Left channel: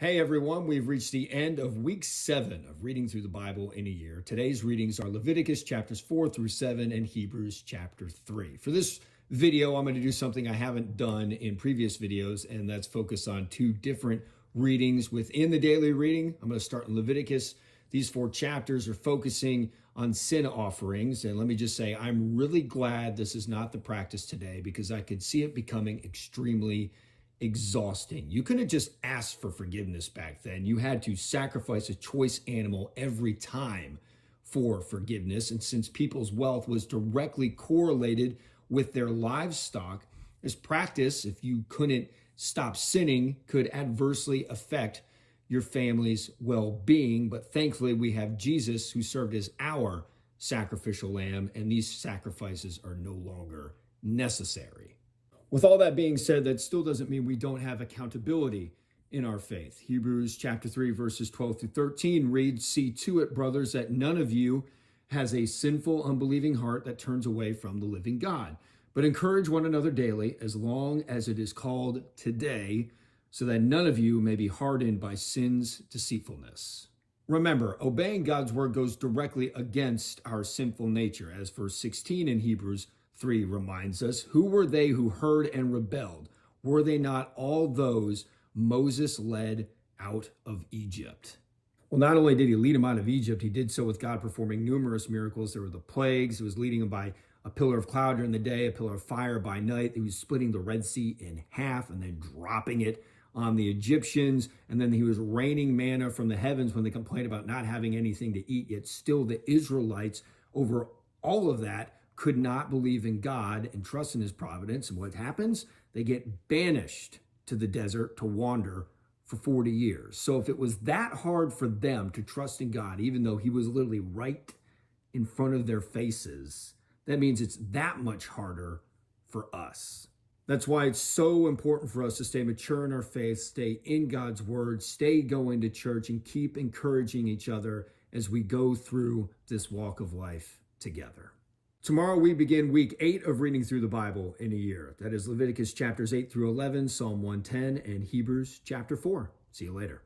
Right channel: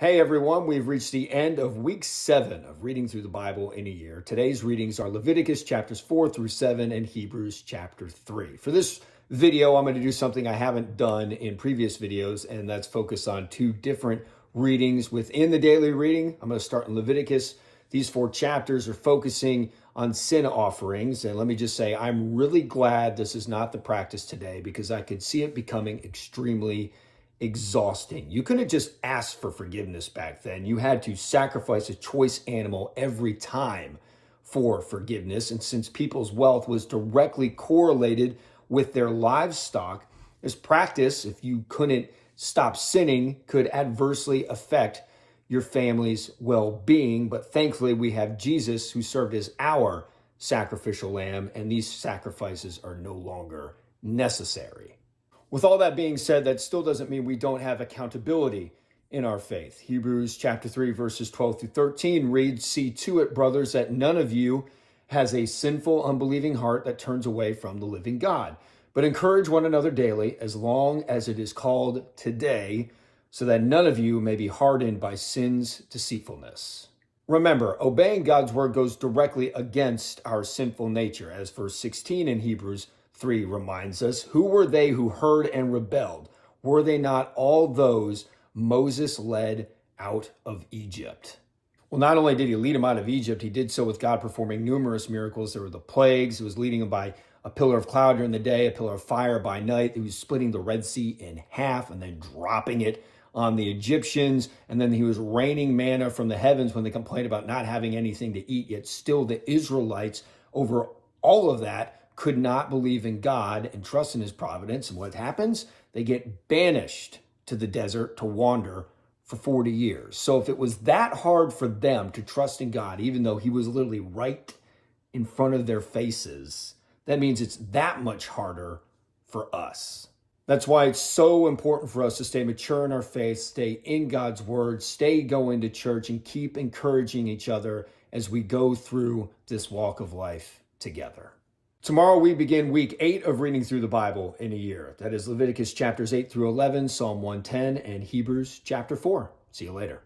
Hey everyone, we've reached the end of week 7 of reading through the Bible in a year. Today's readings are Leviticus chapters 4 through 7 and Hebrews chapter 3. For this video, I'm going to do something I haven't done in previous videos, and that's focus on two different readings within the daily reading. I'm going to start in Leviticus. These 4 chapters are focusing on sin offerings, and let me just say, I'm really glad this is not the practice today because I could see it becoming extremely exhausting. You couldn't just ask for forgiveness back then. You had to sacrifice a choice animal every time for forgiveness. And since people's wealth was directly correlated with their livestock, this practice, if you couldn't stop sinning, could adversely affect your family's well-being. But thankfully, we have Jesus who served as our sacrificial lamb, and these sacrifices are no longer necessary. With all that being said, that still doesn't mean we don't have accountability in our faith. Hebrews chapter 3, verses 12 through 13 reads, "See to it, brothers, that none of you has a sinful, unbelieving heart that turns away from the living God. But encourage one another daily, as long as it is called today, so that none of you may be hardened by sin's deceitfulness." Remember, obeying God's word goes directly against our sinful nature, as verse 16 in Hebrews 3 reminds us. Who were they who heard and rebelled? Were they not all those Moses led out of Egypt? Well, not only did he lead them out of Egypt, he did so with God performing numerous miracles. There were the plagues. He was leading them by a pillar of cloud during the day, a pillar of fire by night. He was splitting the Red Sea in half and then dropping it on the Egyptians. And then he was raining manna from the heavens when they complained about not having anything to eat. Yet still the Israelites, over all of that, could not believe in God and trust in his providence. And what happens? They get banished to the desert to wander for 40 years. So if it was that hard for them to trust in God, even though he was literally right in front of their faces, that means it's that much harder for us. That's why it's so important for us to stay mature in our faith, stay in God's word, stay going to church, and keep encouraging each other as we go through this walk of life together. Tomorrow we begin week 8 of reading through the Bible in a year. That is Leviticus chapters 8 through 11, Psalm 110, and Hebrews chapter 4. See you later.